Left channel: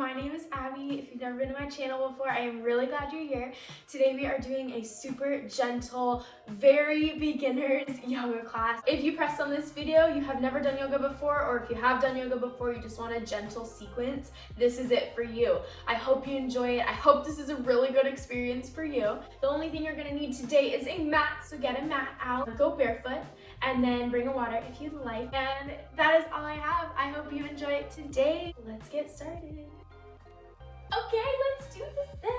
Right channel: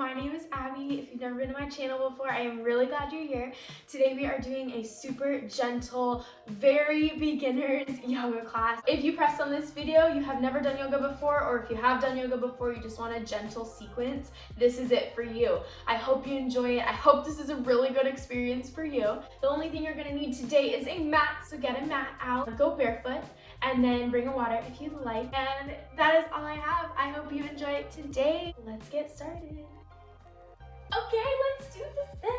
my name is Abby. If you've never been to my channel before, I am really glad you're here. Today we are doing a super gentle, very beginner's yoga class. If you pressed on this video, you have never done yoga before, or if you have done yoga before, you just want a gentle sequence, this is it for you. I hope you enjoy it. I hope this is a really good experience for you. The only thing you're gonna need today is a mat, so get a mat out, go barefoot, and then bring a water if you'd like. And that is all I have. I hope you enjoy it today. Let's get started. Okay, let's do this thing.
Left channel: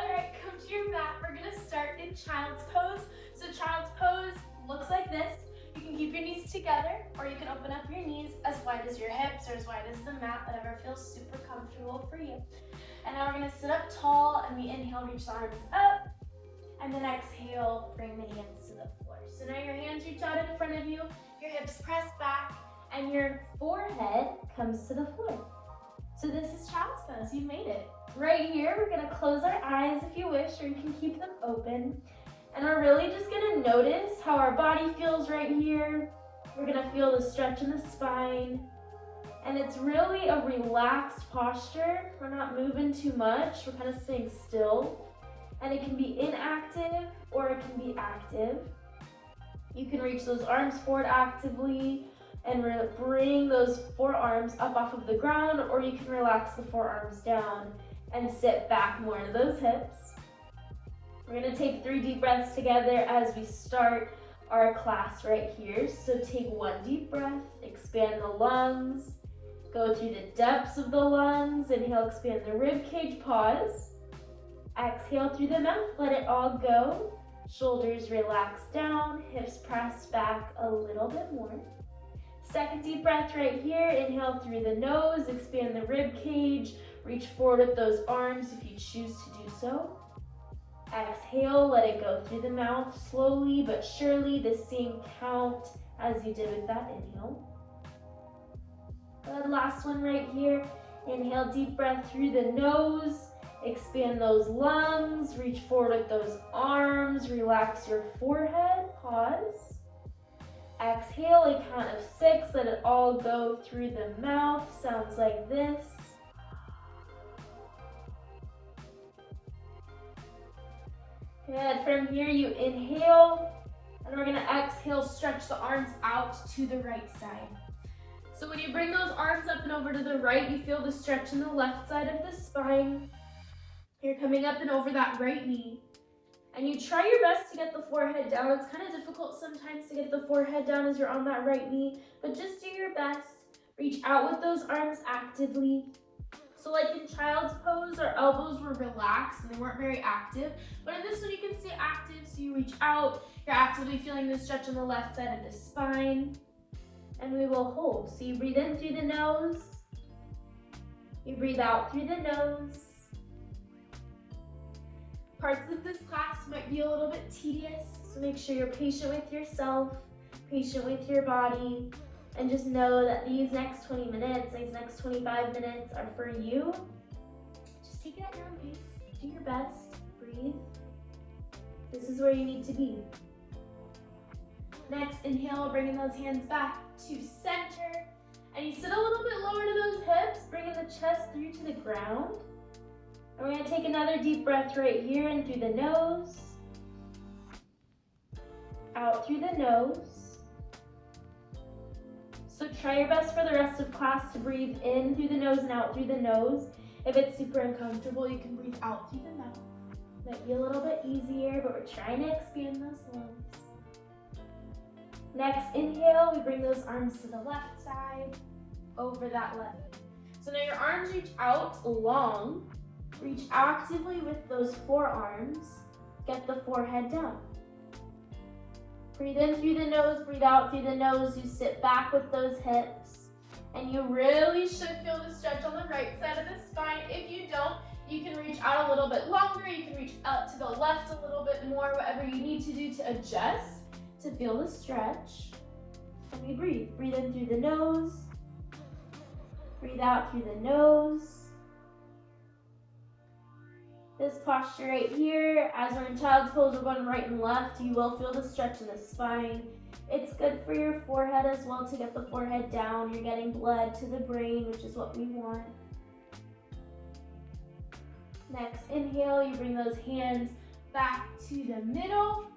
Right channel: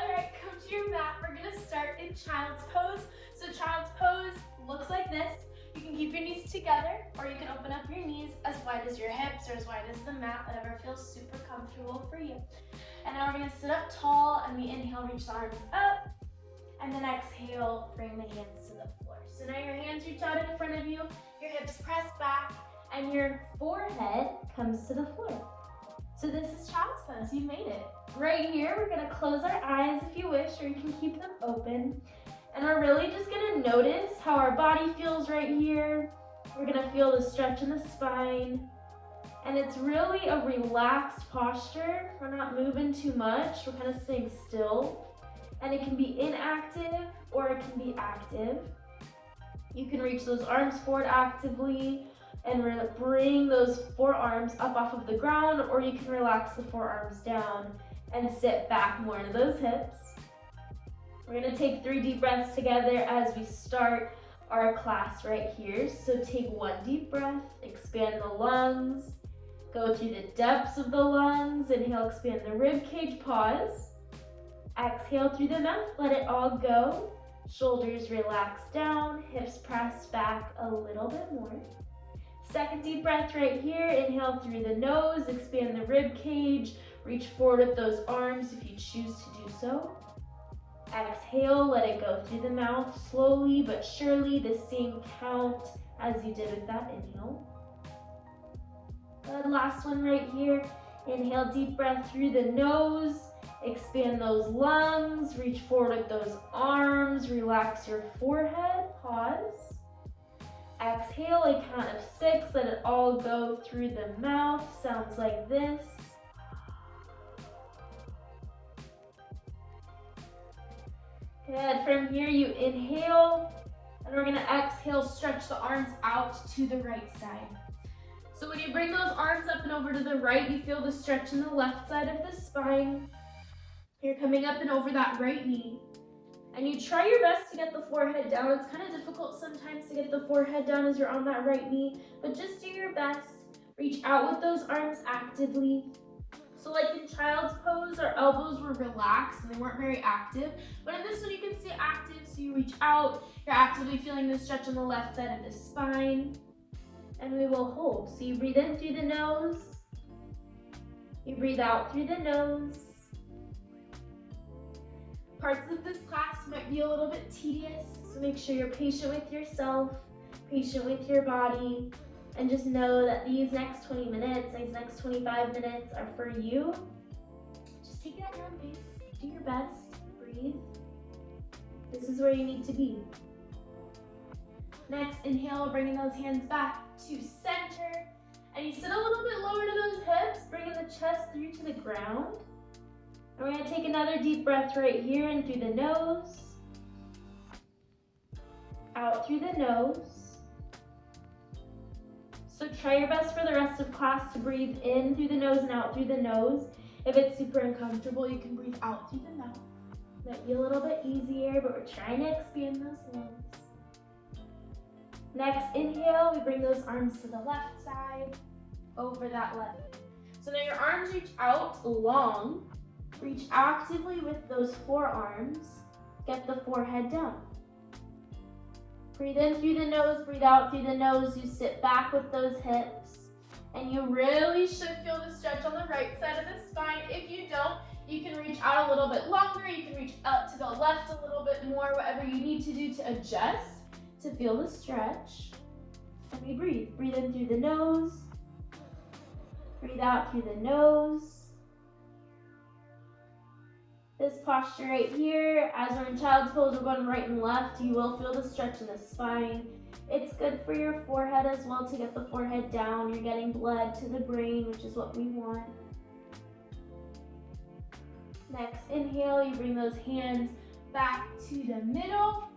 All right, come to your mat. We're gonna start in child's pose. So child's pose looks like this. You can keep your knees together, or you can open up your knees as wide as your hips or as wide as the mat, whatever feels super comfortable for you. And now we're gonna sit up tall, and we inhale, reach the arms up, and then exhale, bring the hands to the floor. So now your hands reach out in front of you, your hips press back, and your forehead comes to the floor. So this is child's pose, you made it. Right here, we're gonna close our eyes if you wish, or you can keep them open. And we're really just gonna notice how our body feels right here. We're gonna feel the stretch in the spine. And it's really a relaxed posture. We're not moving too much, we're kind of staying still. And it can be inactive, or it can be active. You can reach those arms forward actively and bring those forearms up off of the ground, or you can relax the forearms down and sit back more to those hips. We're gonna take 3 deep breaths together as we start our class right here. So take 1 deep breath, expand the lungs, go through the depths of the lungs, inhale, expand the rib cage, pause. Exhale through the mouth, let it all go. Shoulders relax down, hips press back a little bit more. Second deep breath right here, inhale through the nose, expand the rib cage, reach forward with those arms if you choose to do so. Exhale, let it go through the mouth, slowly but surely, the same count as you did with that inhale. Good, last one right here, inhale, deep breath through the nose, expand those lungs, reach forward with those arms, relax your forehead, pause. Exhale, a count of 6, let it all go through the mouth, sounds like this. Good, from here you inhale, and we're gonna exhale, stretch the arms out to the right side. So when you bring those arms up and over to the right, you feel the stretch in the left side of the spine. You're coming up and over that right knee. And you try your best to get the forehead down. It's kind of difficult sometimes to get the forehead down as you're on that right knee, but just do your best. Reach out with those arms actively. So like in child's pose, our elbows were relaxed and they weren't very active. But in this one, you can see active, so you reach out. You're actively feeling the stretch on the left side of the spine. And we will hold. So you breathe in through the nose. You breathe out through the nose. Parts of this class might be a little bit tedious, so make sure you're patient with yourself, patient with your body, and just know that these next 20 minutes, these next 25 minutes are for you. Just take it at your own pace, do your best, breathe. This is where you need to be. Next, inhale, bringing those hands back to center, and you sit a little bit lower to those hips, bringing the chest through to the ground. And we're gonna take another deep breath right here in through the nose, out through the nose. So try your best for the rest of class to breathe in through the nose and out through the nose. If it's super uncomfortable, you can breathe out through the mouth. Might be a little bit easier, but we're trying to expand those lungs. Next, inhale, we bring those arms to the left side, over that left. So now your arms reach out long. Reach actively with those forearms. Get the forehead down. Breathe in through the nose, breathe out through the nose. You sit back with those hips. And you really should feel the stretch on the right side of the spine. If you don't, you can reach out a little bit longer. You can reach out to the left a little bit more, whatever you need to do to adjust to feel the stretch. And we breathe. Breathe in through the nose. Breathe out through the nose. This posture right here, as we're in child's pose, we're going right and left. You will feel the stretch in the spine. It's good for your forehead as well to get the forehead down. You're getting blood to the brain, which is what we want. Next inhale, you bring those hands back to the middle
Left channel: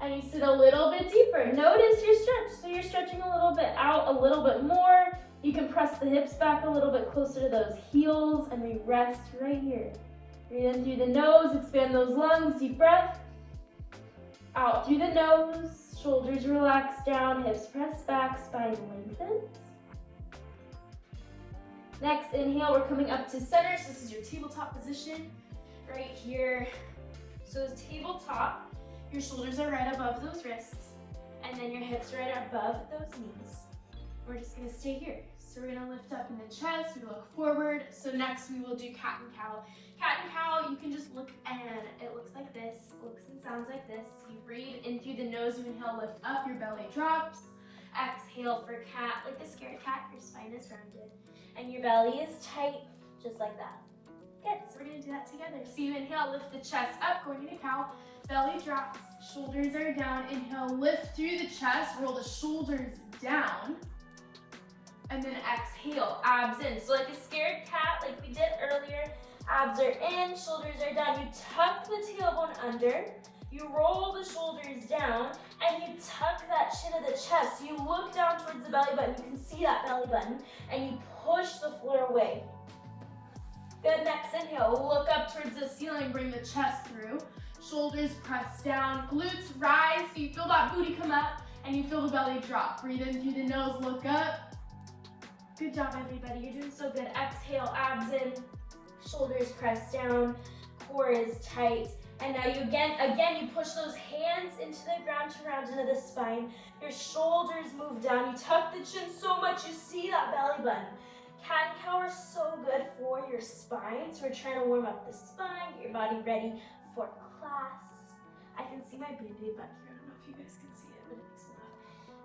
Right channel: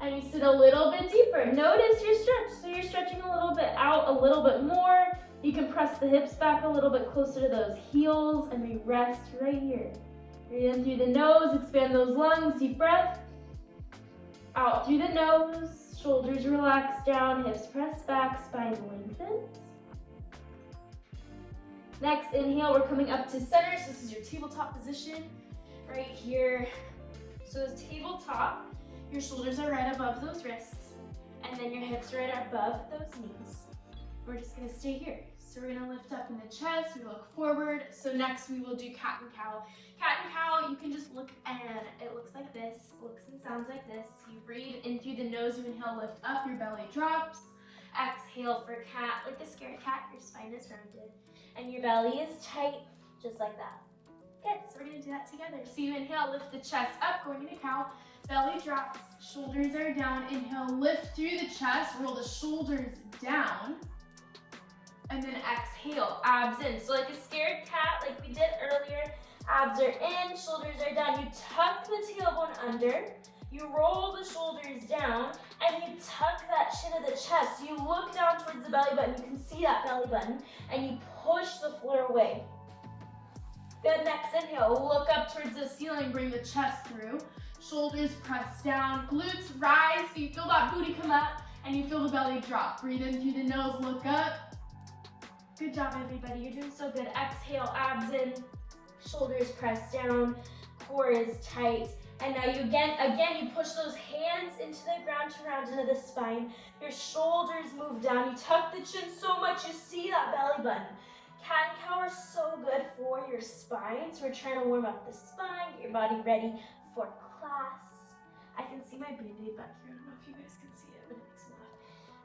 and you sit a little bit deeper. Notice your stretch. So you're stretching a little bit out, a little bit more. You can press the hips back a little bit closer to those heels and we rest right here. Breathe in through the nose, expand those lungs, deep breath. Out through the nose, shoulders relax down, hips press back, spine lengthens. Next inhale, we're coming up to center. So this is your tabletop position right here. So tabletop, your shoulders are right above those wrists and then your hips right above those knees. We're just gonna stay here. So we're gonna lift up in the chest, we look forward. So next we will do cat and cow. Cat and cow, you can just look and it looks like this, looks and sounds like this. You breathe in through the nose, you inhale, lift up, your belly drops. Exhale for cat, like a scared cat, your spine is rounded. And your belly is tight, just like that. Good, so we're gonna do that together. So you inhale, lift the chest up, going into cow, belly drops, shoulders are down. Inhale, lift through the chest, roll the shoulders down. And then exhale, abs in. So like a scared cat, like we did earlier, abs are in, shoulders are down. You tuck the tailbone under, you roll the shoulders down, and you tuck that chin of the chest. You look down towards the belly button, you can see that belly button, and you push the floor away. Good, next inhale, look up towards the ceiling, bring the chest through. Shoulders press down, glutes rise, so you feel that booty come up, and you feel the belly drop. Breathe in through the nose, look up. Good job, everybody, you're doing so good. Exhale, abs in, shoulders press down, core is tight. And now you again you push those hands into the ground to round into the spine. Your shoulders move down. You tuck the chin so much you see that belly button. Cat and cow are so good for your spine. So we're trying to warm up the spine, get your body ready for class. I can see my baby back here. I don't know if you guys can see it, but it makes me laugh.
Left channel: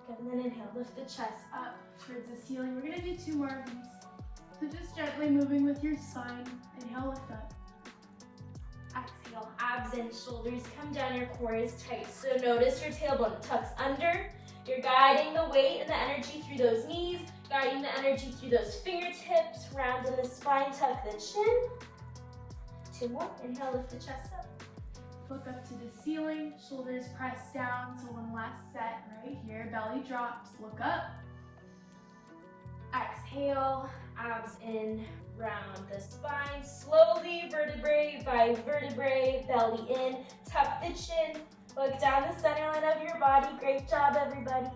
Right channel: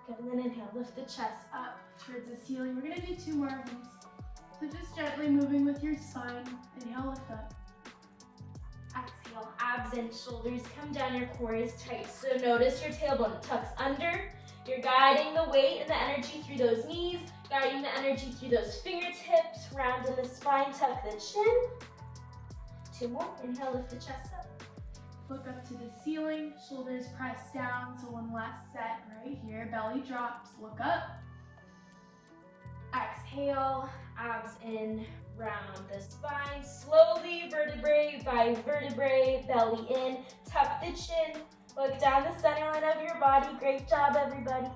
Good, and then inhale, lift the chest up towards the ceiling. We're gonna do 2 more of these. So just gently moving with your spine. Inhale, lift up. Exhale, abs in, shoulders come down, your core is tight. So notice your tailbone tucks under. You're guiding the weight and the energy through those knees, guiding the energy through those fingertips, round in the spine, tuck the chin. 2 more, inhale, lift the chest up. Look up to the ceiling, shoulders press down. So one last set right here, belly drops, look up. Exhale, abs in, round the spine, slowly, vertebrae by vertebrae, belly in, tuck the chin, look down the center line of your body. Great job, everybody.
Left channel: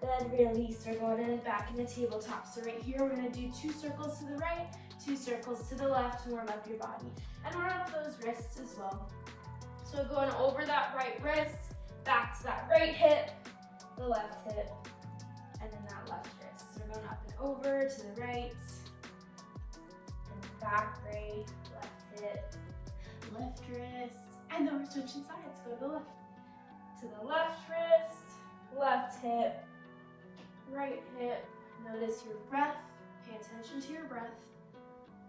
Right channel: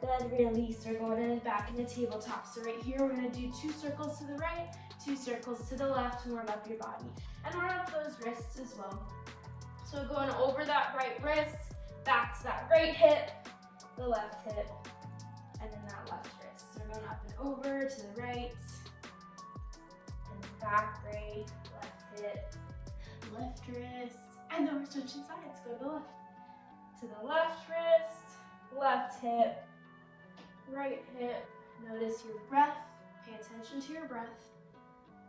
Good, release. We're going in and back in the tabletop. So right here, we're gonna do 2 circles to the right, 2 circles to the left to warm up your body. And warm up those wrists as well. So going over that right wrist, back to that right hip, the left hip, and then that left wrist. So we're going up and over to the right, back, right, left hip, left wrist, and then we're switching sides. Go to the left. To the left wrist, left hip, right hip. Notice your breath. Pay attention to your breath.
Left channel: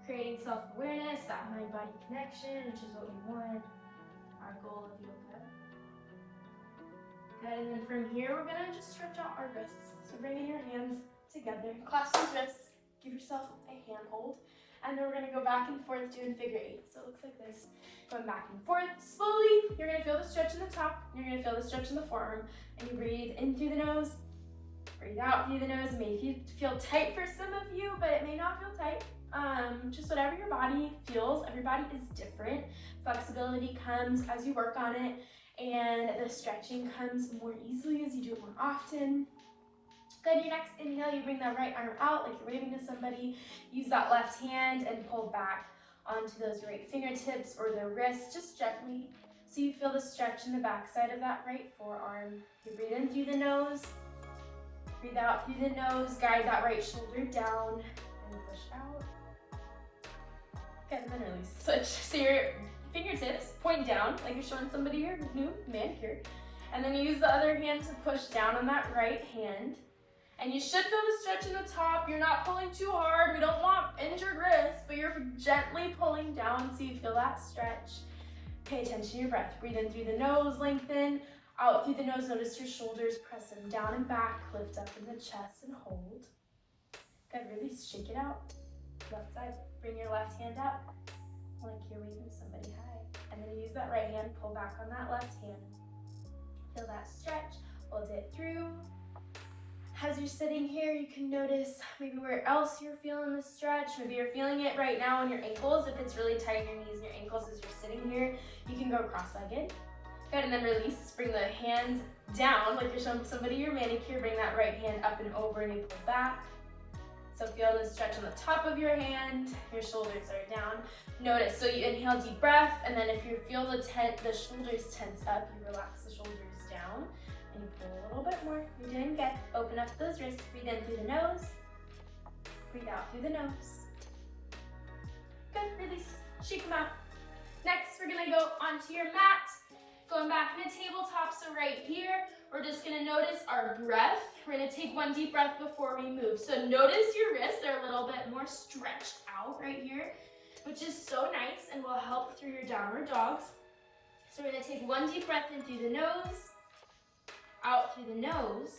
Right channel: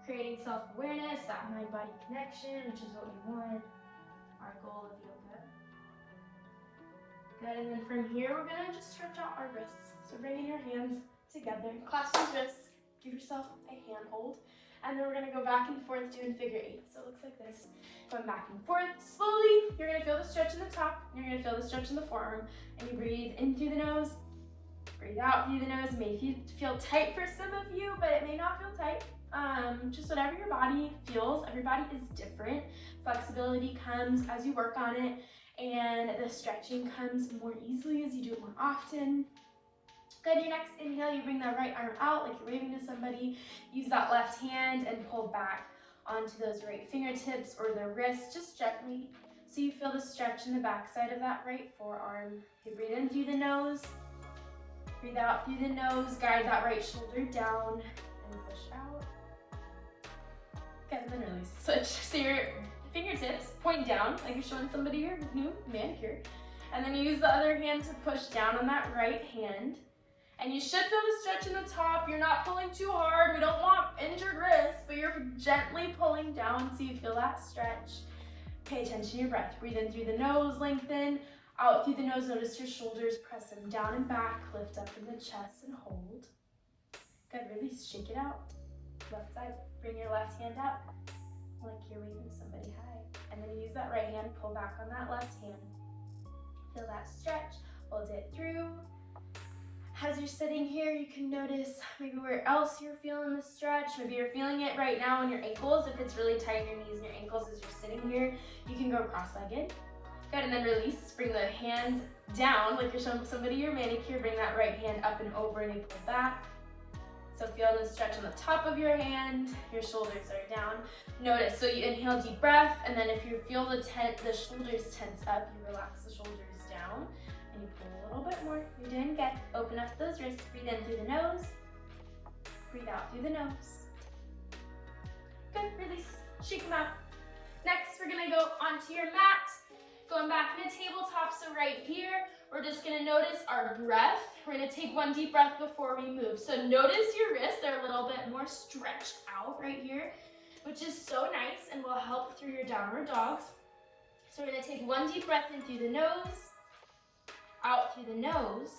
Creating self-awareness, that mind-body connection, which is what we want. Our goal of yoga. Good, and then from here, we're gonna just stretch out our wrists. So bringing your hands together, clasp your wrists, give yourself a hand hold. And then we're gonna go back and forth doing figure 8. So it looks like this. Going back and forth slowly. You're gonna feel the stretch in the top. You're gonna feel the stretch in the forearm. And you breathe in through the nose. Breathe out through the nose. It may feel tight for some of you, but it may not feel tight. Just whatever your body feels. Everybody is different. Flexibility comes as you work on it. And the stretching comes more easily as you do it more often. Good, your next inhale, you bring that right arm out like you're waving to somebody. Use that left hand and pull back onto those right fingertips or the wrist, just gently. So you feel the stretch in the back side of that right forearm. You breathe in through the nose, breathe out through the nose, guide that right shoulder down and push out. Good, and then release. Switch. So your fingertips point down like you're showing somebody your new manicure. And then you use the other hand to push down on that right hand. And you should feel the stretch in the top. You're not pulling too hard. We don't want injured wrists, but you're gently pulling down so you feel that stretch. Pay attention to your breath. Breathe in through the nose, lengthen. Out through the nose, notice your shoulders, press them down and back. Lift up in the chest and hold. Good, release, shake it out. Left side, bring your left hand out. like you're waving somebody hi. And then use that right hand, pull back on that left hand. Feel that stretch, hold it through. As you're sitting here, you can notice maybe where else you're feeling the stretch. Maybe you're feeling it right now in your ankles. If it's really tight in your knees and your ankles as you're sitting here, you can go cross-legged. Good, and then release. Bring the hands down like you're showing somebody your manicure. Bring that right hand up and over and you pull back. So feel the stretch on the top of your hand. Your shoulders are down. Notice, so you inhale, deep breath, and then if you feel the shoulders tense up, you relax the shoulders down. A little bit more. You're doing good. Open up those wrists. Breathe in through the nose. Breathe out through the nose. Good. Release. Shake them out. Next, we're going to go onto your mat. Going back to the tabletop. So right here, we're just going to notice our breath. We're going to take one deep breath before we move. So notice your wrists. They're a little bit more stretched out right here, which is so nice and will help through your downward dogs. So we're going to take one deep breath in through the nose. Out through the nose.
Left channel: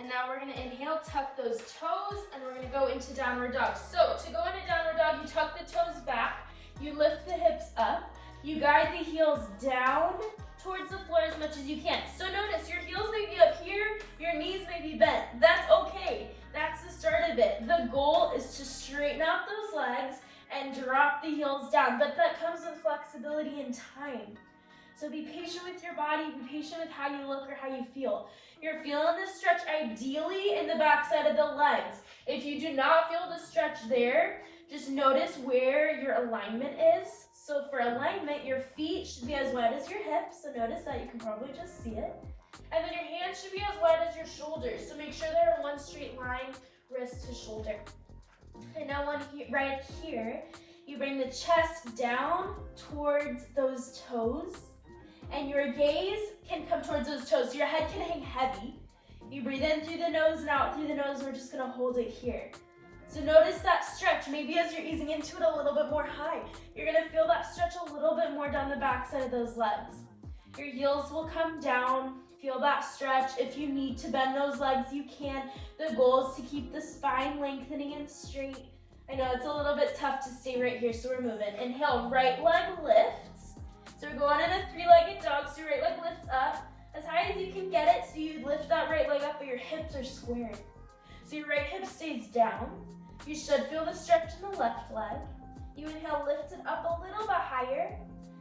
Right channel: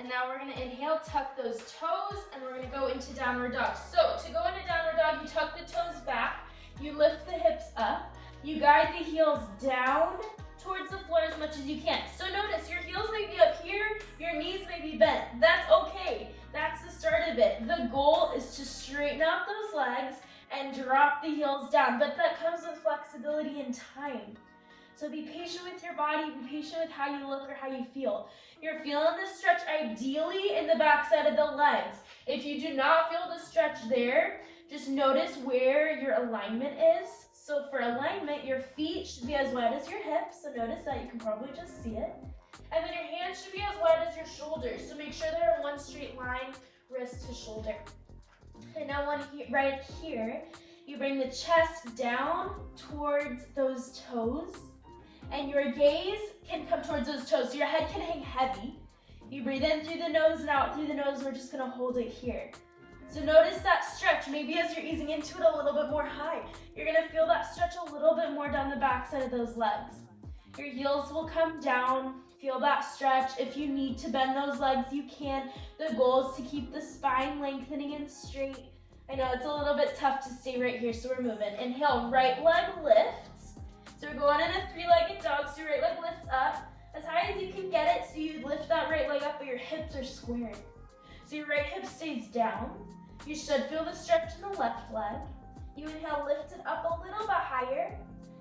And now we're going to inhale, tuck those toes, and we're going to go into downward dog. So to go into downward dog, you tuck the toes back, you lift the hips up, you guide the heels down towards the floor as much as you can. So notice your heels may be up here, your knees may be bent. That's okay. That's the start of it. The goal is to straighten out those legs and drop the heels down, but that comes with flexibility and time. So be patient with your body, be patient with how you look or how you feel. You're feeling the stretch ideally in the back side of the legs. If you do not feel the stretch there, just notice where your alignment is. So for alignment, your feet should be as wide as your hips. So notice that, you can probably just see it. And then your hands should be as wide as your shoulders. So make sure they're in one straight line, wrist to shoulder. And now right here, you bring the chest down towards those toes. And your gaze can come towards those toes, so your head can hang heavy. You breathe in through the nose and out through the nose, and we're just gonna hold it here. So notice that stretch. Maybe as you're easing into it a little bit more high, you're gonna feel that stretch a little bit more down the back side of those legs. Your heels will come down, feel that stretch. If you need to bend those legs, you can. The goal is to keep the spine lengthening and straight. I know it's a little bit tough to stay right here, so we're moving. Inhale, right leg lifts. So we're going in a three-legged dog, so your right leg lifts up as high as you can get it, so you lift that right leg up, but your hips are squared. So your right hip stays down. You should feel the stretch in the left leg. You inhale, lift it up a little bit higher,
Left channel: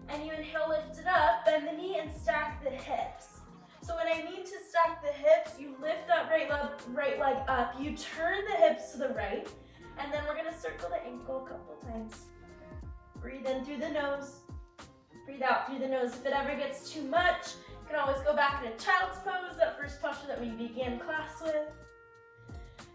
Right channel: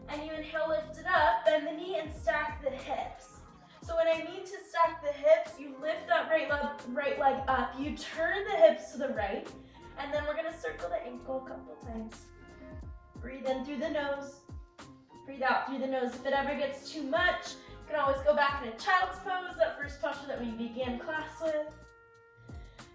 and you inhale, lift it up, bend the knee, and stack the hips. So when I mean to stack the hips, you lift that right leg up, you turn the hips to the right, and then we're gonna circle the ankle a couple times. Breathe in through the nose. Breathe out through the nose. If it ever gets too much, you can always go back into child's pose, that first posture that we began class with.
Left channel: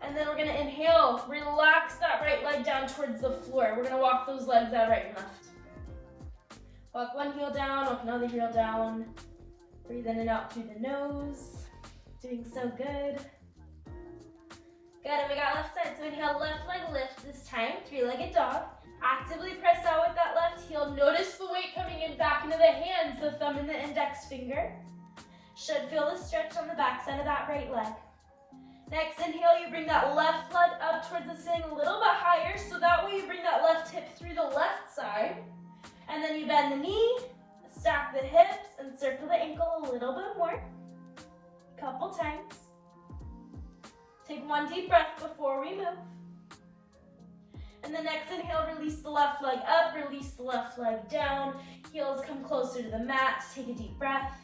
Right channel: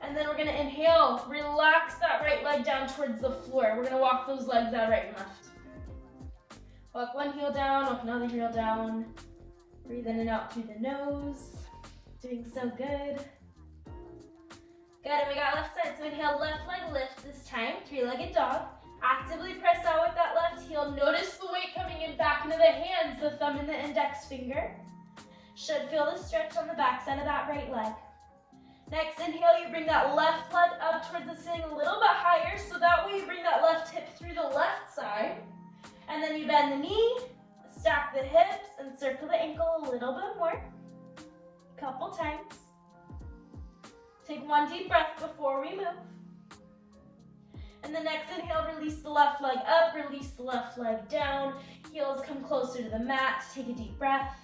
And then we're gonna inhale, relax that right leg down towards the floor. We're gonna walk those legs out right and left. Walk one heel down, walk another heel down. Breathe in and out through the nose. Doing so good. Good, we got left side, so inhale, left leg lift this time, three-legged dog. Actively press out with that left heel. Notice the weight coming in back into the hands, the thumb and the index finger. Should feel the stretch on the back side of that right leg. Next, inhale, you bring that left leg up towards the ceiling a little bit higher, so that way you bring that left hip through the left side. And then you bend the knee, stack the hips, and circle the ankle a little bit more. Couple times. Take one deep breath before we move. And the next inhale, release the left leg up, release the left leg down. Heels come closer to the mat. Take a deep breath.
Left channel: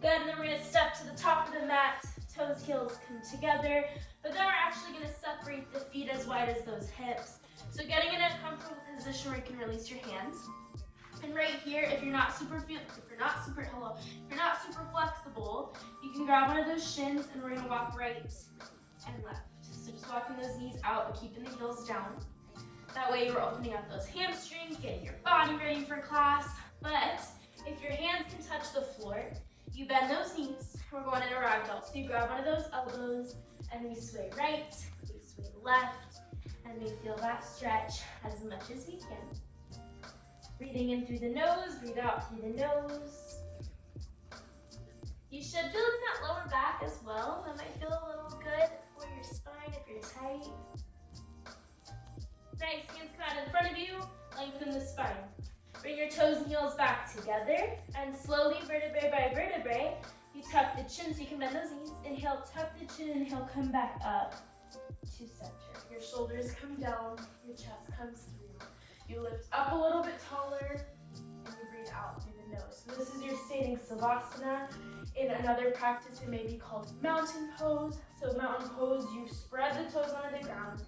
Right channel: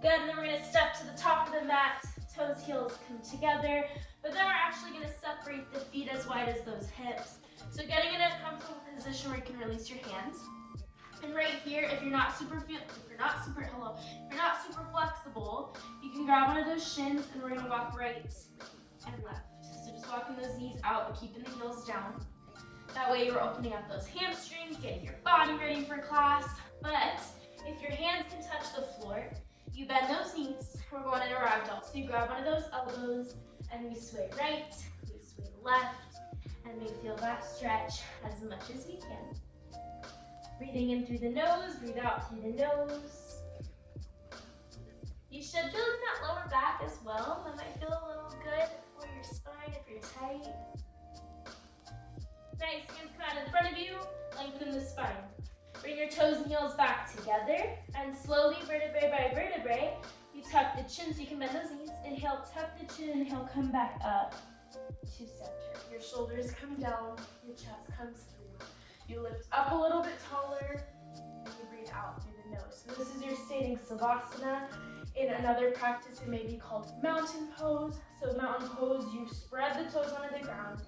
Good, and then we're gonna step to the top of the mat. Toes, heels come together. But then we're actually gonna separate the feet as wide as those hips. So getting in a comfortable position where you can release your hands. And right here, if you're not super flexible, you can grab one of those shins and we're gonna walk right and left. So just walking those knees out and keeping the heels down. That way you're opening up those hamstrings, getting your body ready for class. But if your hands can touch the floor, you bend those knees. We're going into ragdoll. So you grab one of those elbows and we sway right, we sway left, and we feel that stretch as much as we can. Breathing in through the nose, breathe out through the nose. You should feel in that lower back as well. That might feel a little good for your spine if you're tight. Nice, hands come out in front of you. Lengthen the spine. And slowly, vertebrae by vertebrae, you tuck the chin so you can bend those knees. Inhale, tuck the chin, inhale, come back up to center. Your shoulders come down, your chest comes through. You lift up a little bit taller, and you breathe out through the nose. So this is your standing savasana. In another practice, it may be called mountain pose. So mountain pose, you spread the toes onto the ground.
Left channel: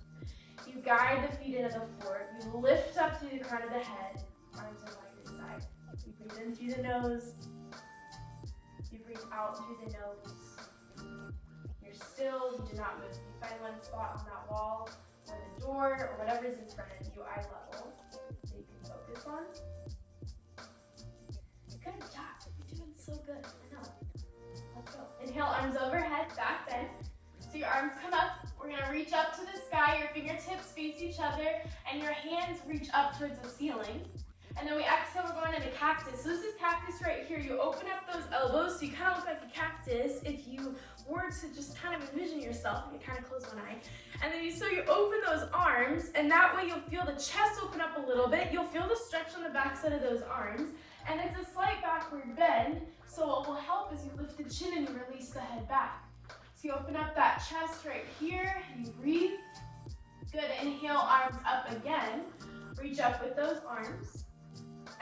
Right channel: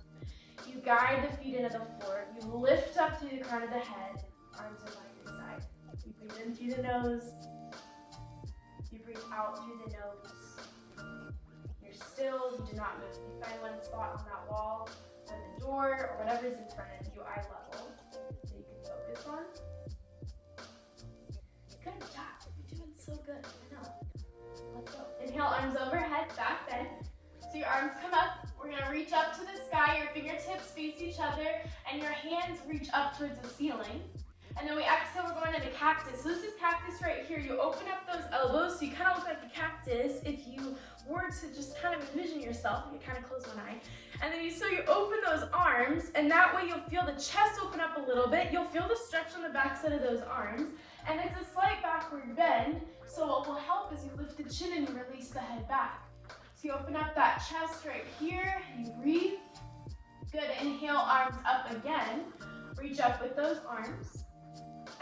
You guide the feet into the floor. You lift up through the crown of the head. Arms are by your side. You breathe in through the nose. You breathe out through the nose. You're still. You do not move. You find one spot on that wall or the door or whatever's in front of you, eye level, that you can focus on. Good job. You're doing so good. Let's go. Inhale, arms overhead, back bend. So your arms come up. We're going to reach up to the sky. Your fingertips face each other, and your hands reach up towards the ceiling. And then we exhale, we're going into cactus. So this is cactus right here. You open up those elbows, so you kind of look like a cactus. If you were to just kind of envision yourself, you can kind of close one eye. And then you open those arms, and that way you'll feel the chest open up a little bit. You'll feel the stretch on the backside of those arms. And it's a slight backward bend, so what will help is you lift the chin and you release the head back. So you open up that chest right here, and you breathe. Good, inhale, arms up again. Reach up with those arms.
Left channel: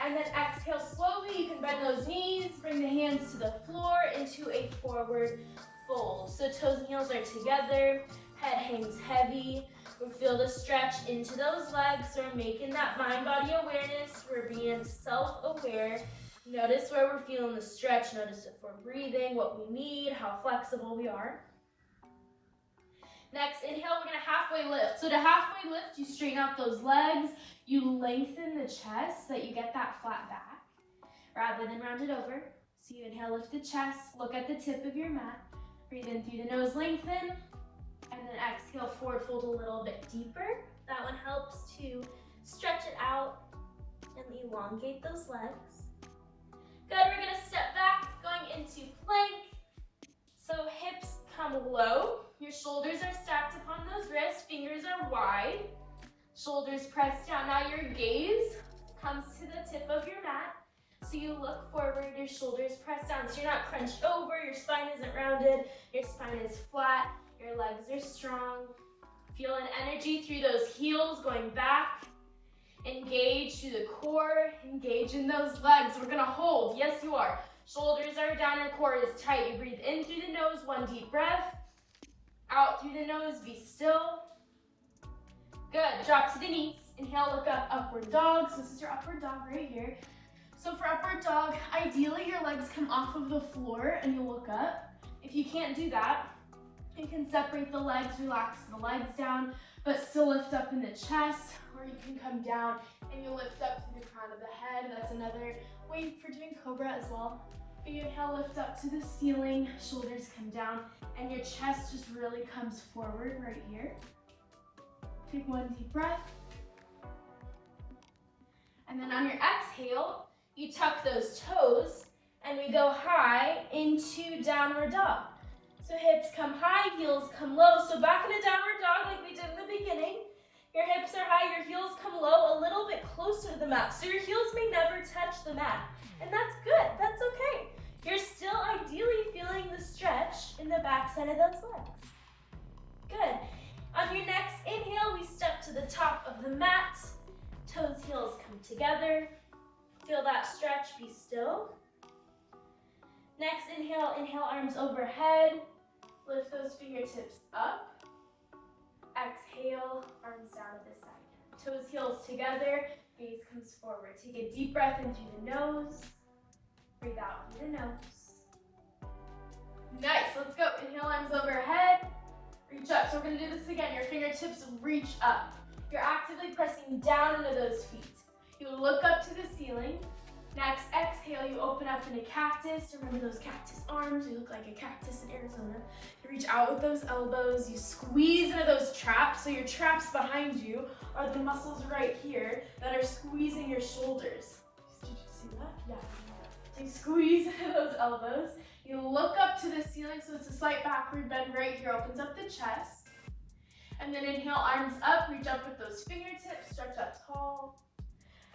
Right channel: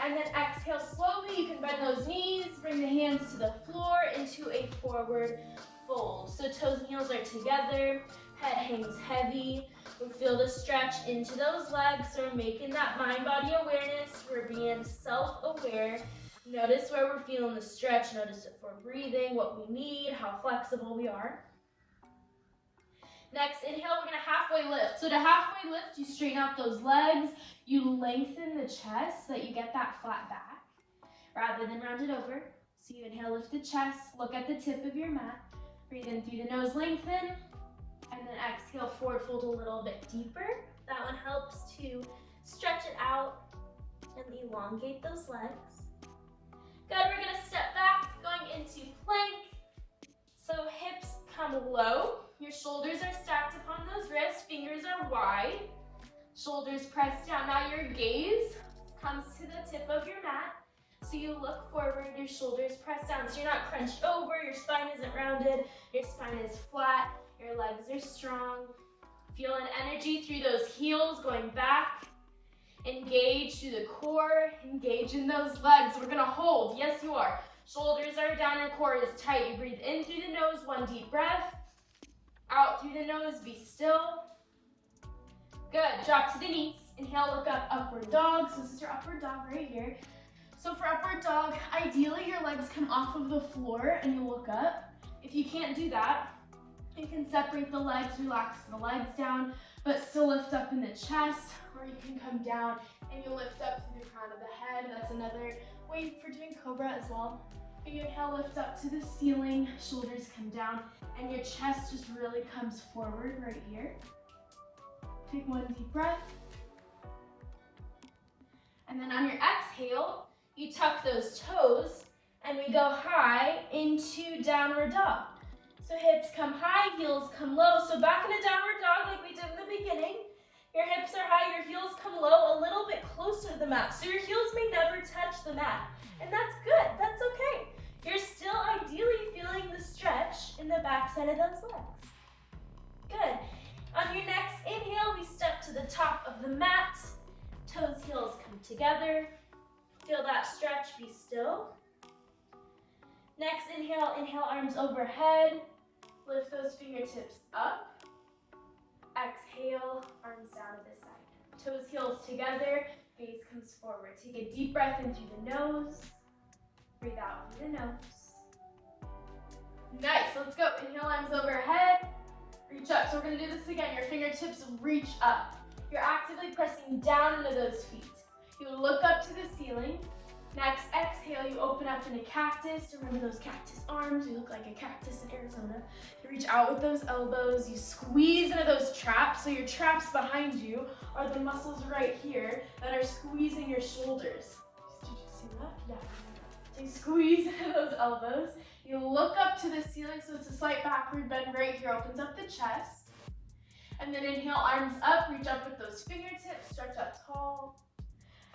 And then exhale slowly, you can bend those knees, bring the hands to the floor into a forward fold. So toes and heels are together, head hangs heavy. We feel the stretch into those legs, so we're making that mind-body awareness. We're being self-aware. Notice where we're feeling the stretch. Notice if we're breathing, what we need, how flexible we are. Next, inhale, we're gonna halfway lift. So to halfway lift, you straighten out those legs, you lengthen the chest so that you get that flat back, rather than round it over. So you inhale, lift the chest, look at the tip of your mat, breathe in through the nose, lengthen, and then exhale, forward fold a little bit deeper. That one helps to stretch it out and elongate those legs. Good, we're gonna step back, going into plank. So hips come low, your shoulders are stacked upon those wrists, fingers are wide, shoulders pressed down. Now your gaze comes to the tip of your mat. So you look forward, your shoulders press down. So you're not crunched over, your spine isn't rounded, your spine is flat, your legs are strong. Feel an energy through those heels going back. Engage through the core, engage in those legs. We're gonna hold, yes you are. Shoulders are down, your core is tight. You breathe in through the nose, one deep breath. Out through the nose, be still. Good, drop to the knees. Inhale, look up, upward dog. So this is your upward dog right here. So for upward dog, ideally your legs come off of the floor and you look up. If you can't do that, you can separate the legs, relax the legs down, but still lift up in the chest, or you can come down and you lift up through the crown of the head. That's another way for doing cobra as well. You inhale, lift up to the ceiling, shoulders come down, and your chest just really comes forward right here. Take one deep breath. And then on your exhale, you tuck those toes, and we go high into downward dog. So hips come high, heels come low. So back in a downward dog like we did in the beginning. Your hips are high, your heels come low, a little bit closer to the mat. So your heels may never touch the mat. And that's good, that's okay. You're still ideally feeling the stretch in the backside of those legs. Good. On your next inhale, we step to the top of the mat. Toes, heels come together. Feel that stretch, be still. Next inhale, inhale, arms overhead. Lift those fingertips up. Exhale, arms down to the side. Toes, heels together, gaze comes forward. Take a deep breath in through the nose. Breathe out through the nose. Nice, let's go. Inhale, arms overhead. Reach up. So we're gonna do this again. Your fingertips reach up. You're actively pressing down into those feet. You look up to the ceiling. Next, exhale, you open up in a cactus. Remember those cactus arms? You look like a cactus in Arizona. You reach out with those elbows. You squeeze into those traps. So your traps behind you are the muscles right here that are squeezing your shoulders. Did you see that? Yeah. So you squeeze into those elbows. You look up to the ceiling, so it's a slight backward bend right here. Opens up the chest. And then inhale, arms up. Reach up with those fingertips. Stretch up tall.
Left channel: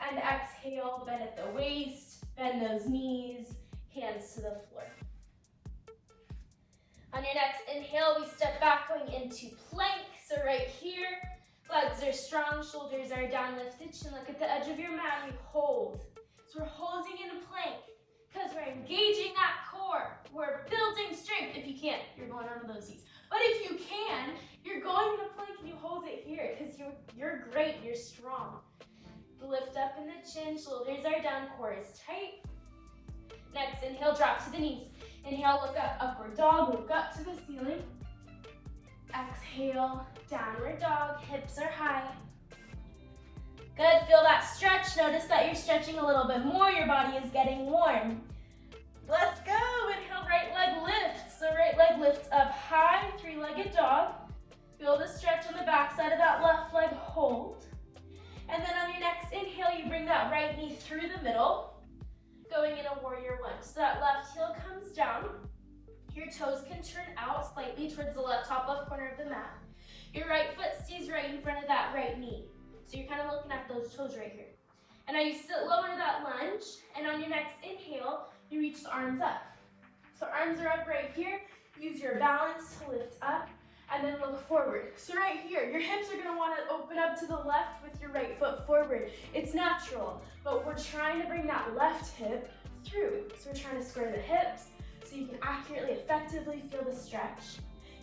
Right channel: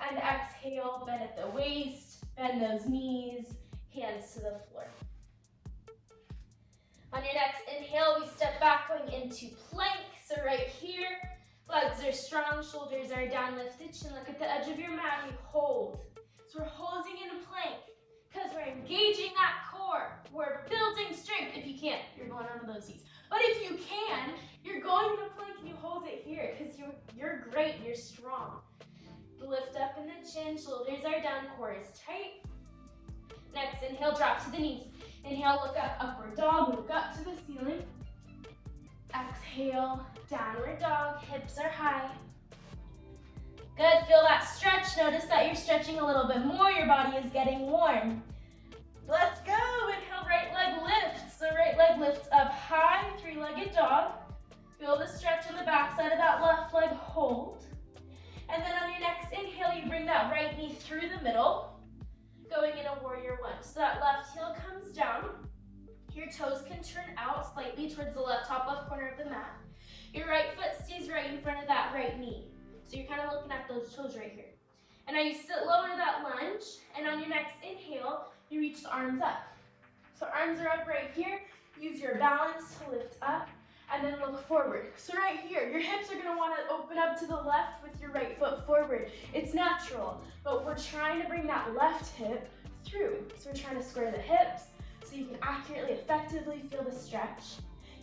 And exhale, bend at the waist. Bend those knees, hands to the floor. On your next inhale, we step back going into plank. So right here, legs are strong, shoulders are down, lift the chin, look at the edge of your mat, you hold. So we're holding in a plank because we're engaging that core. We're building strength. If you can't, you're going under those knees. But if you can, you're going in a plank and you hold it here because you're great, you're strong. Lift up in the chin, shoulders are down, core is tight. Next inhale, drop to the knees. Inhale, look up, upward dog, look up to the ceiling. Exhale, downward dog, hips are high. Good, feel that stretch. Notice that you're stretching a little bit more, your body is getting warm. Let's go, inhale, right leg lifts. So right leg lifts up high, three-legged dog. Feel the stretch on the back side of that left leg, hold. And then on your next inhale, you bring that right knee through the middle, going in a warrior one. So that left heel comes down. Your toes can turn out slightly towards the top left corner of the mat. Your right foot stays right in front of that right knee. So you're kind of looking at those toes right here. And now you sit low into that lunge, and on your next inhale, you reach the arms up. So arms are up right here. Use your balance to lift up, and then look forward. So right here, your hips are gonna wanna open up to the left with your right foot forward. It's natural, but we're trying to bring that left hip through. So we're trying to square the hips so you can accurately, effectively feel the stretch.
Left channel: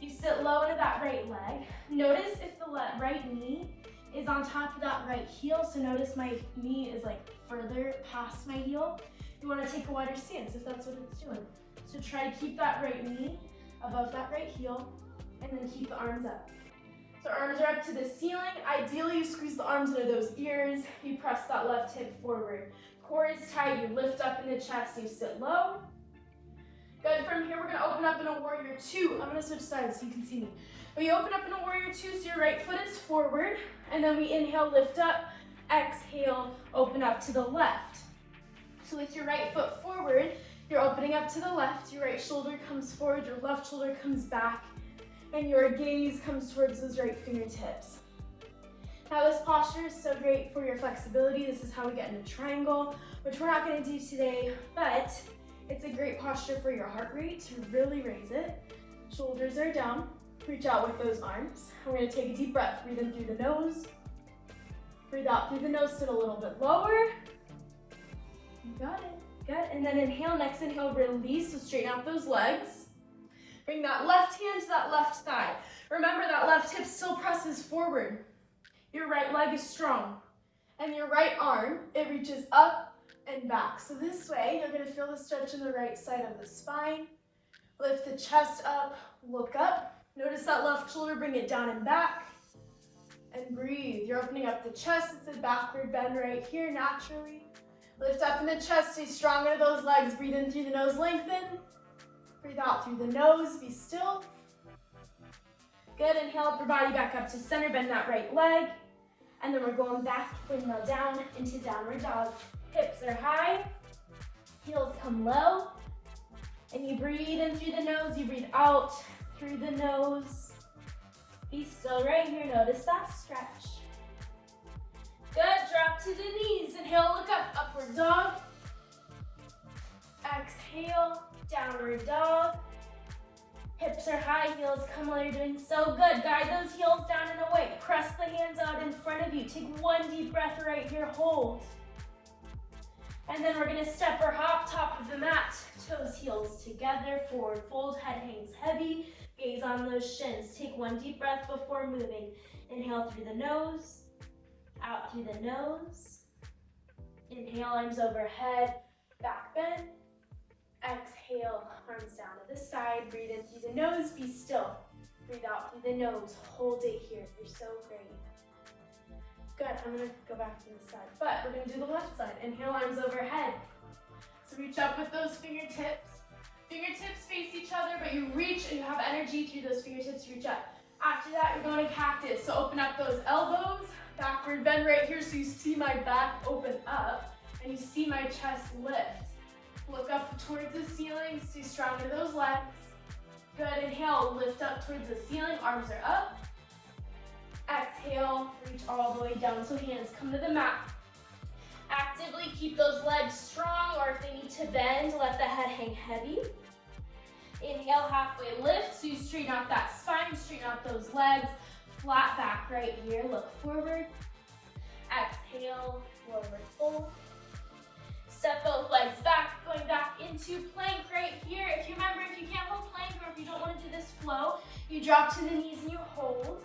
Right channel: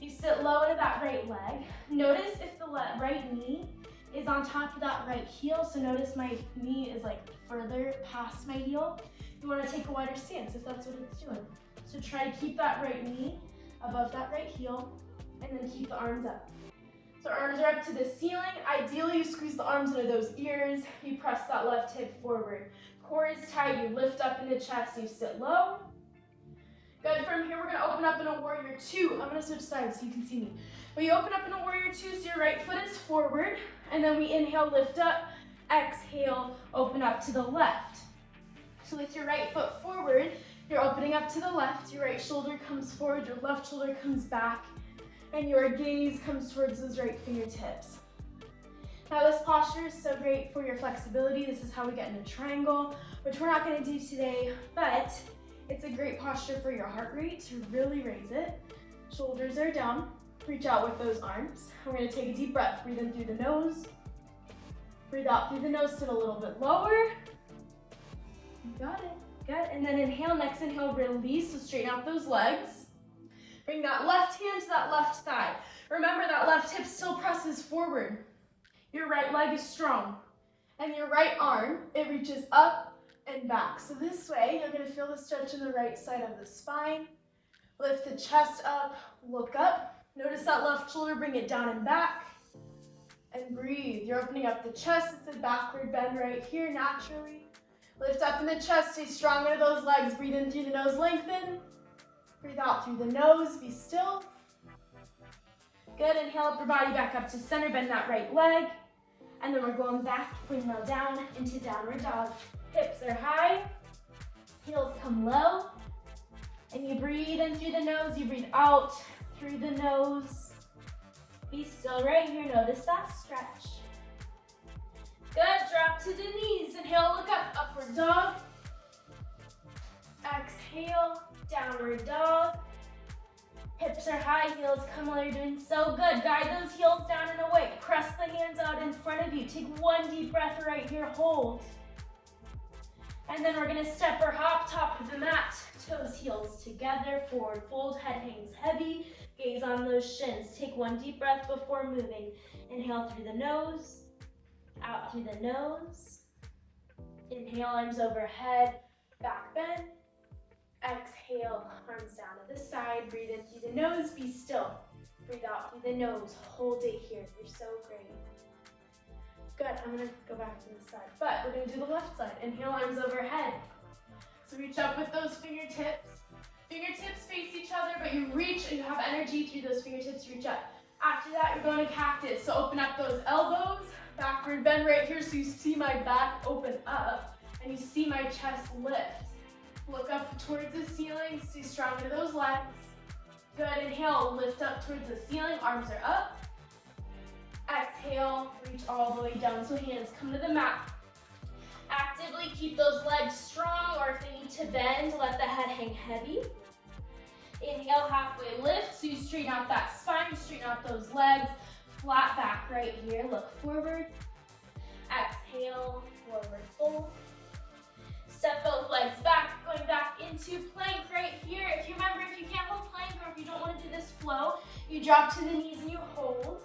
You sit low into that right leg. Notice if the right knee is on top of that right heel. So notice my knee is like further past my heel. You wanna take a wider stance if that's what it's doing. So try to keep that right knee above that right heel, and then keep the arms up. So arms are up to the ceiling. Ideally, you squeeze the arms into those ears. You press that left hip forward. Core is tight. You lift up in the chest. You sit low. Good. From here, we're going to open up in a warrior two. I'm going to switch sides so you can see me. When you open up in a warrior two, so your right foot is forward. And then we inhale, lift up. Exhale, open up to the left. So with your right foot forward, you're opening up to the left. Your right shoulder comes forward. Your left shoulder comes back. And your gaze comes towards those right fingertips. Now this posture is so great for your flexibility. This is how we get into triangle, which we're not going to do today, but it's a great posture for your heart rate to really raise it. Shoulders are down. Reach out with those arms. We're going to take a deep breath. Breathe in through the nose. Breathe out through the nose, sit a little bit lower. You got it. Good. And then inhale. Next inhale, release. So straighten out those legs. Bring that left hand to that left thigh. Remember that left hip still presses forward. Your right leg is strong. And your right arm, it reaches up and back. So this way, you're going to feel the stretch in the right side of the spine. Lift the chest up, look up. Notice that left shoulder, bring it down and back. And breathe. You're opening up the chest. It's a backward bend right here, naturally. Lift up in the chest, stay strong into those legs. Breathe in through the nose, lengthen. Breathe out through the nose, be still. Good, inhale up your body back up to center, bend that right leg. And then we're going back, windmill down into downward dog. Hips are high, heels come low. And you breathe in through the nose, you breathe out through the nose. Be still right here, notice that stretch. Good, drop to the knees. Inhale, look up, upward dog. Exhale, downward dog. Hips are high, heels come low. You're doing so good. Guide those heels down and away. Press the hands out in front of you. Take one deep breath right here, hold. And then we're gonna step or hop, top of the mat. Toes, heels together, forward fold, head hangs heavy. Gaze on those shins. Take one deep breath before moving. Inhale through the nose, out through the nose. Inhale, arms overhead, back bend. Exhale, arms down to the side. Breathe in through the nose, be still. Breathe out through the nose, hold it here. You're so great. Good, I'm gonna go back to the side, but we're gonna do the left side. Inhale, arms overhead. So reach up with those fingertips. Fingertips face each other, but you reach and you have energy through those fingertips, reach up. After that, you're going to cactus. So open up those elbows, backward bend right here so you see my back open up and you see my chest lift. Look up towards the ceiling, stay strong into those legs. Good, inhale, lift up towards the ceiling, arms are up. Exhale, reach all the way down, so hands come to the mat. Actively keep those legs strong, or if they need to bend, let the head hang heavy. Inhale, halfway lift, so you straighten out that spine, straighten out those legs. Flat back right here, look forward. Exhale, forward fold. Step both legs back, going back into plank right here. If you remember, if you can't hold plank, or if you don't want to do this flow, you drop to the knees and you hold,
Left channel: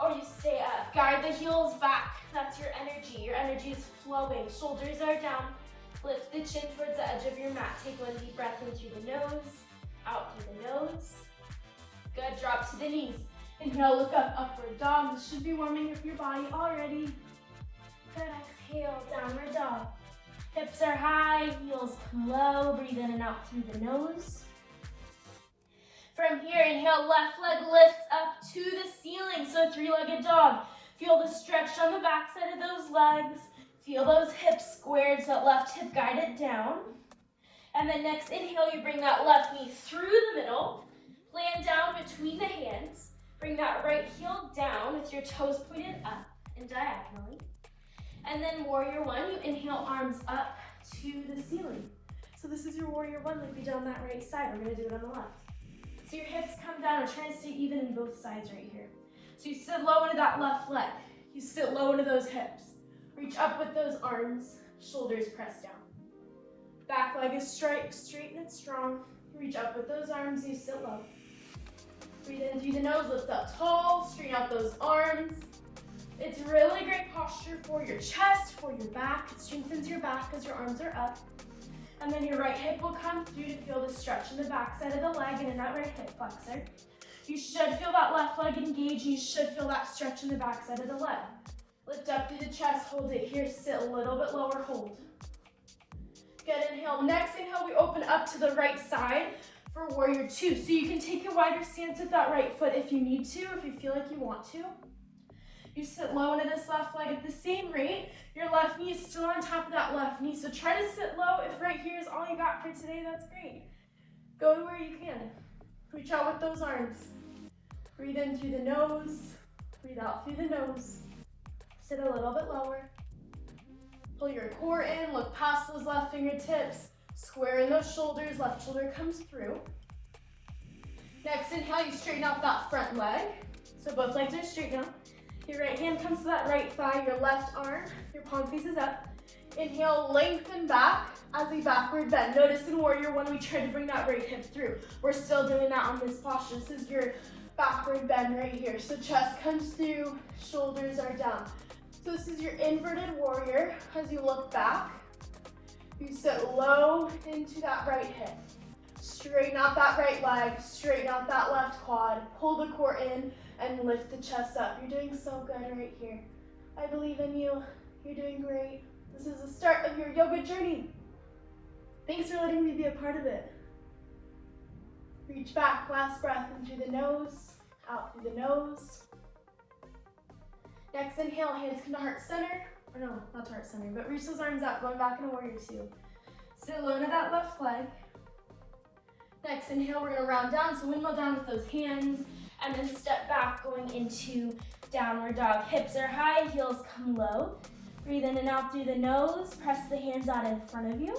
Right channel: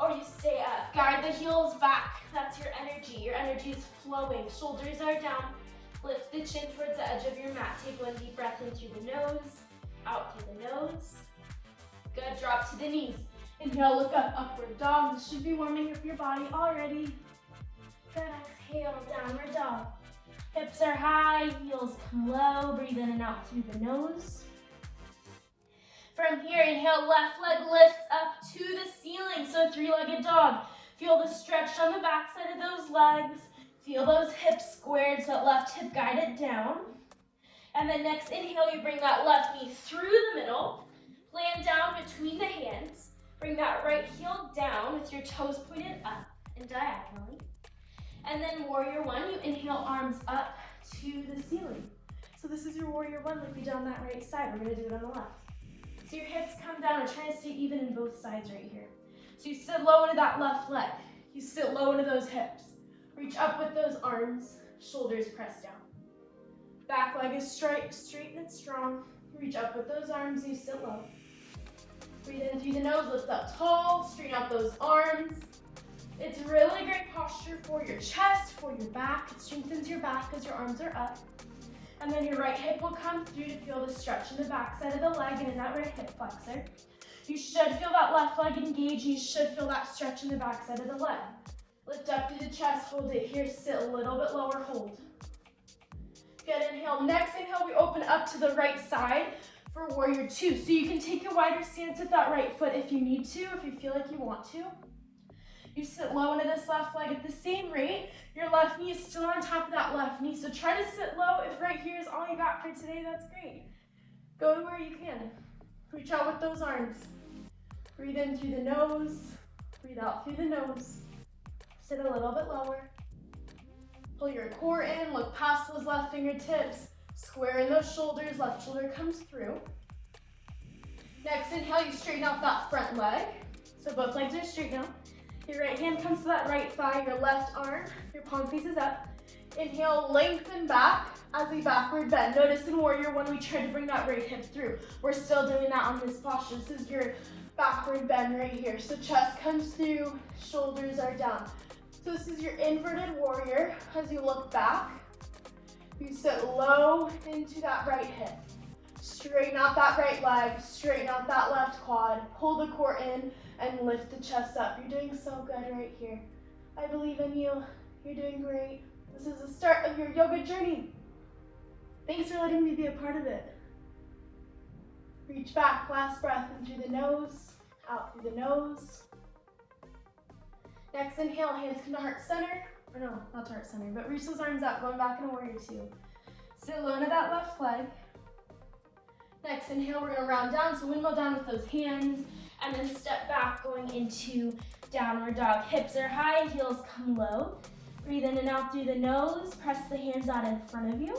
or you stay up. Guide the heels back, that's your energy. Your energy is flowing, shoulders are down. Lift the chin towards the edge of your mat. Take one deep breath in through the nose, out through the nose. Good, drop to the knees. Inhale, look up, upward dog. This should be warming up your body already. Good, exhale, downward dog. Hips are high, heels come low. Breathe in and out through the nose. From here, inhale, left leg lifts up to the ceiling. So three-legged dog. Feel the stretch on the back side of those legs. Feel those hips squared, so that left hip guided down. And then next inhale, you bring that left knee through the middle. Land down between the hands. Bring that right heel down with your toes pointed up and diagonally. And then warrior one, you inhale, arms up to the ceiling. So this is your warrior one, like we did on that right side. We're gonna do it on the left. So your hips come down and try to stay even in both sides right here. So you sit low into that left leg. You sit low into those hips. Reach up with those arms, shoulders press down. Back leg is straight and strong. Reach up with those arms, you sit low. Breathe in through the nose, lift up tall, straighten out those arms. It's really great posture for your chest, for your back. It strengthens your back because your arms are up. And then your right hip will come through to feel the stretch in the back side of the leg and in that right hip flexor. You should feel that left leg engage. You should feel that stretch in the back side of the leg. Lift up through the chest, hold it here, sit a little bit lower, hold. Good, inhale. Next inhale, we open up to the right side for warrior two. So you can take a wider stance with that right foot if you need to, if you feel like you want to. You sit low into this left leg at the same rate. Your left knee is still on top of that left knee. So try to sit low. If right here is all you got for today, that's great. Go to where you can. Reach out with those arms. Breathe in through the nose. Breathe out through the nose. Sit a little bit lower. Pull your core in. Look past those left fingertips. Square in those shoulders. Left shoulder comes through. Next inhale, you straighten out that front leg. So both legs are straight now. Your right hand comes to that right thigh, your left arm, your palm faces up. Inhale, lengthen back as we backward bend. Notice in warrior one, we try to bring that right hip through. We're still doing that on this posture. This is your backward bend right here. So chest comes through, shoulders are down. So this is your inverted warrior. As you look back, you sit low into that right hip. Straighten out that right leg, straighten out that left quad, pull the core in, and lift the chest up. You're doing so good right here. I believe in you. You're doing great. This is the start of your yoga journey. Thanks for letting me be a part of it. Reach back, last breath in through the nose, out through the nose. Next inhale, hands come to heart center. Or no, not to heart center, but reach those arms out, going back in warrior two. Sit low to that left leg. Next inhale, we're gonna round down, so windmill down with those hands, and then step back, going into downward dog. Hips are high, heels come low. Breathe in and out through the nose, press the hands out in front of you.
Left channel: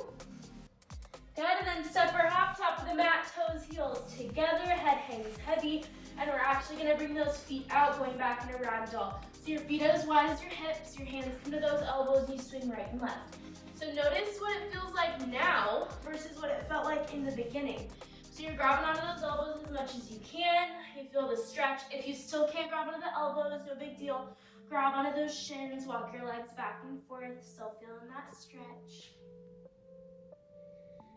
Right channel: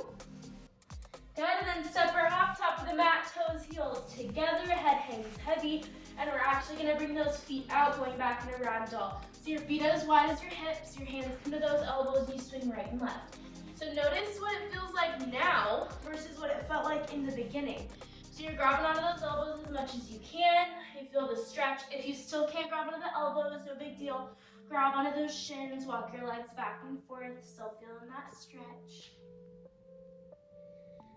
Good, and then step or hop, top of the mat, toes, heels together, head hangs heavy, and we're actually gonna bring those feet out, going back into ragdoll. So your feet are as wide as your hips, your hands come to those elbows, and you swing right and left. So notice what it feels like now versus what it felt like in the beginning. So you're grabbing onto those elbows as much as you can. You feel the stretch. If you still can't grab onto the elbows, no big deal. Grab onto those shins, walk your legs back and forth, still feeling that stretch.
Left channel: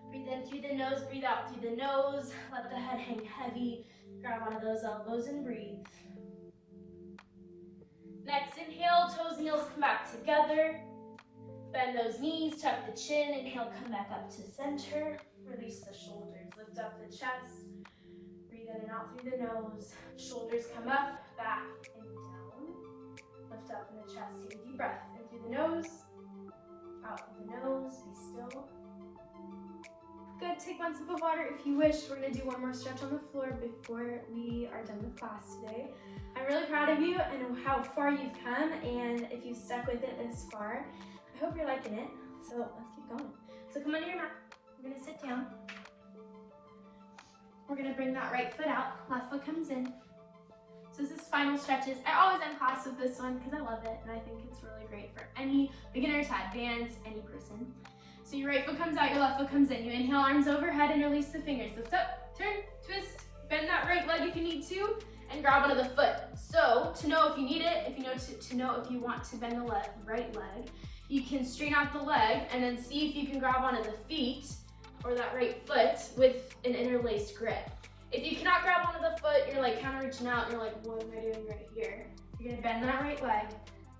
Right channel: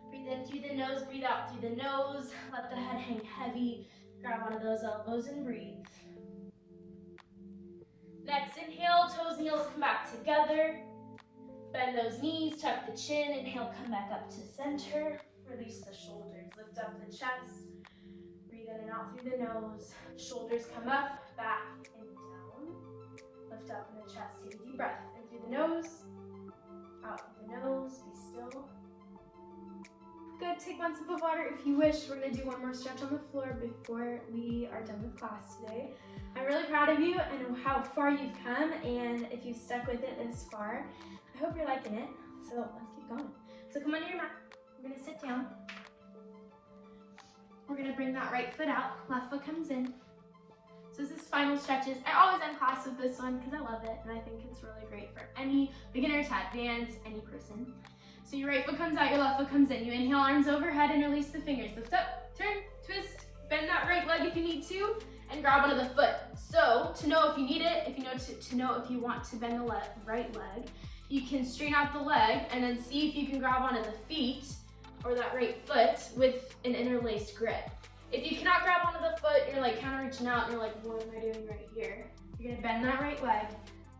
Breathe in through the nose, breathe out through the nose. Let the head hang heavy. Grab onto those elbows and breathe. Next inhale, toes and heels come back together. Bend those knees, tuck the chin. Inhale, come back up to center. Release the shoulders, lift up the chest. Breathe in and out through the nose. Shoulders come up, back and down. Lift up in the chest, take a deep breath. In through the nose, out through the nose, be still. Good, take one sip of water if you wish. We're gonna do one more stretch on the floor before we are done with class today. I'm really proud of you and how far you've come, and if you've stuck with it this far, I hope you're liking it. So let's keep going. So come onto your mat. We're gonna sit down. We're gonna bring that right foot out. Left foot comes in. So this is spinal stretches. I always end class with this one because I love it and I think it's really great for any beginner to advanced, any person. So your right foot comes out, your left foot comes in. You inhale, arms overhead, and release the fingers. Lift up, turn, twist, bend that right leg if you need to, and grab onto the foot. So to know if you need it, if you know to know if you want to bend the right leg, you can straighten out the leg and then see if you can grab onto the feet or that right foot with an interlaced grip. If you cannot grab onto the foot, you're like kind of reaching out and you're like, what am I doing right here? You're gonna bend that right leg.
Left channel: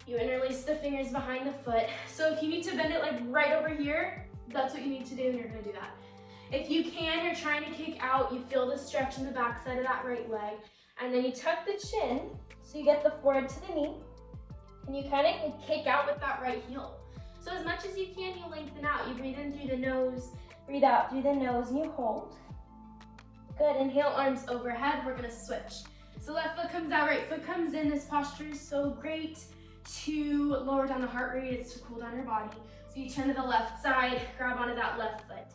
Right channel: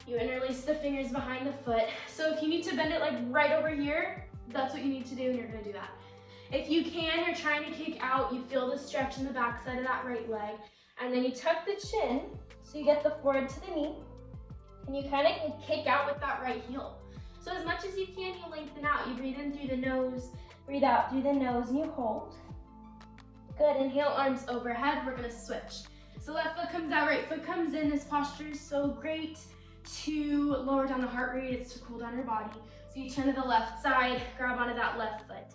You interlace the fingers behind the foot. So if you need to bend it like right over here, that's what you need to do and you're gonna do that. If you can, you're trying to kick out, you feel the stretch in the back side of that right leg, and then you tuck the chin so you get the forehead to the knee, and you kind of kick out with that right heel. So as much as you can, you lengthen out. You breathe in through the nose, breathe out through the nose, and you hold. Good, inhale, arms overhead. We're gonna switch. So left foot comes out, right foot comes in. This posture is so great to lower down the heart rate. It's to cool down your body. So you turn to the left side, grab onto that left foot.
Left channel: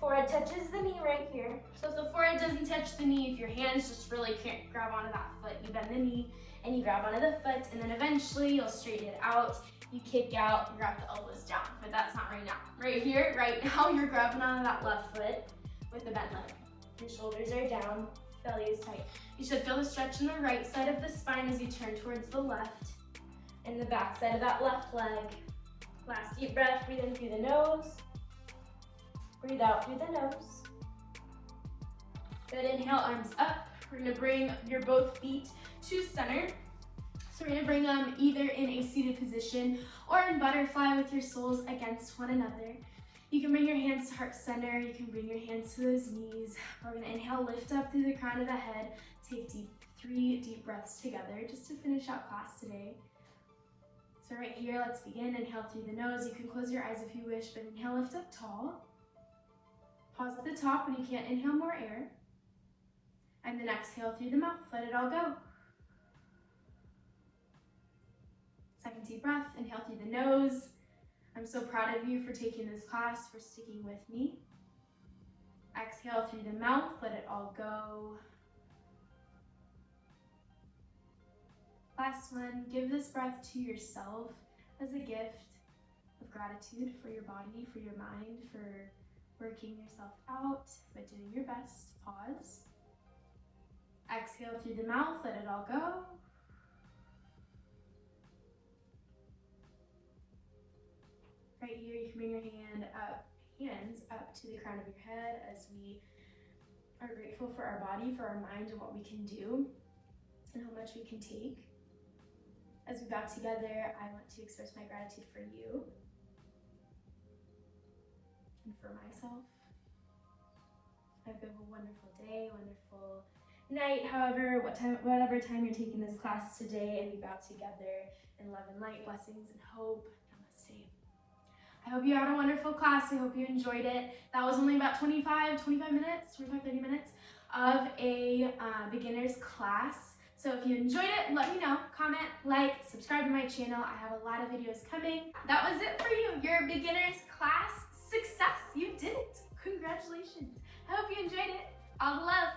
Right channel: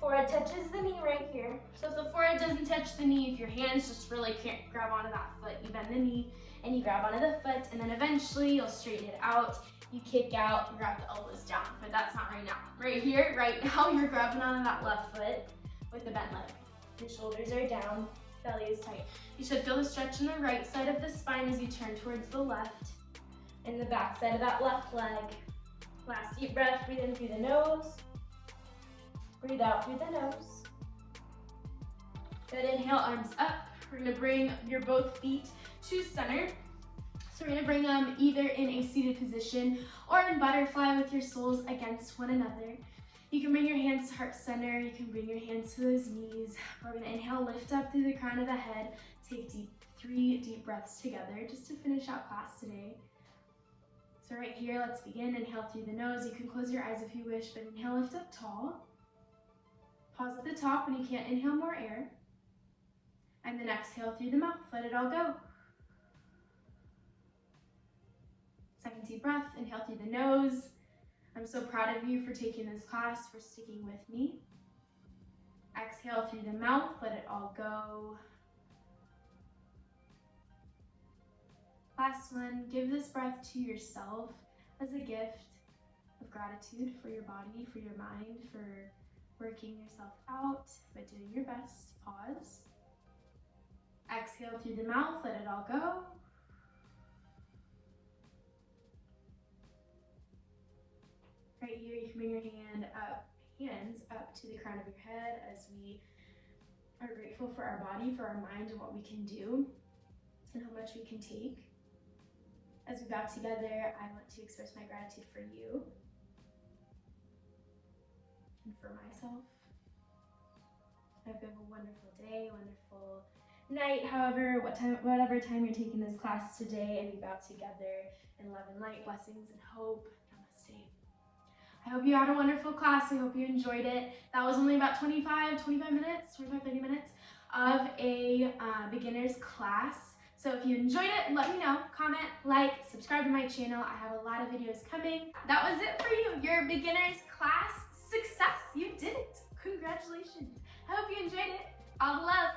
Forehead touches the knee right here. So if the forehead doesn't touch the knee, if your hands just really can't grab onto that foot, you bend the knee and you grab onto the foot, and then eventually you'll straighten it out. You kick out, you grab the elbows down, but that's not right now. Right here, right now, you're grabbing onto that left foot with the bent leg. Your shoulders are down, belly is tight. You should feel the stretch in the right side of the spine as you turn towards the left, and the back side of that left leg. Last deep breath, breathe in through the nose, breathe out through the nose. Good, inhale, arms up. We're gonna bring your both feet to center. So we're gonna bring them either in a seated position or in butterfly with your soles against one another. You can bring your hands to heart center. You can bring your hands to those knees. We're gonna inhale, lift up through the crown of the head. Take 3 deep breaths together just to finish out class today. So right here, let's begin. Inhale through the nose. You can close your eyes if you wish, but inhale, lift up tall. Pause at the top when you can't inhale more air. And then exhale through the mouth. Let it all go. Second deep breath. Inhale through the nose. I'm so proud of you for taking this class, for sticking with me. Exhale through the mouth. Let it all go. Last one. Give this breath to yourself as a gift of gratitude for your body, for your mind, for working yourself out, but doing your best. Pause. Exhale through the mouth, let it all go. Right here, you can bring your hands up to the crown of your head as we are grateful for our body, for our mind, and what we can do, and how much we can take. As we bow together, I want to express my gratitude for you and for myself. I hope you have a wonderful day, wonderful night, whatever time you're taking this class today, and we bow together in love and light, blessings and hope. Namaste. I hope you had a wonderful class. I hope you enjoyed it. That was only about 30 minutes of a beginner's class. So if you enjoyed it, let me know, comment, like, subscribe to my channel. I have a lot of videos coming. That was it for you, your beginner's class success. You did it. Congratulations. I hope you enjoyed it. All the love.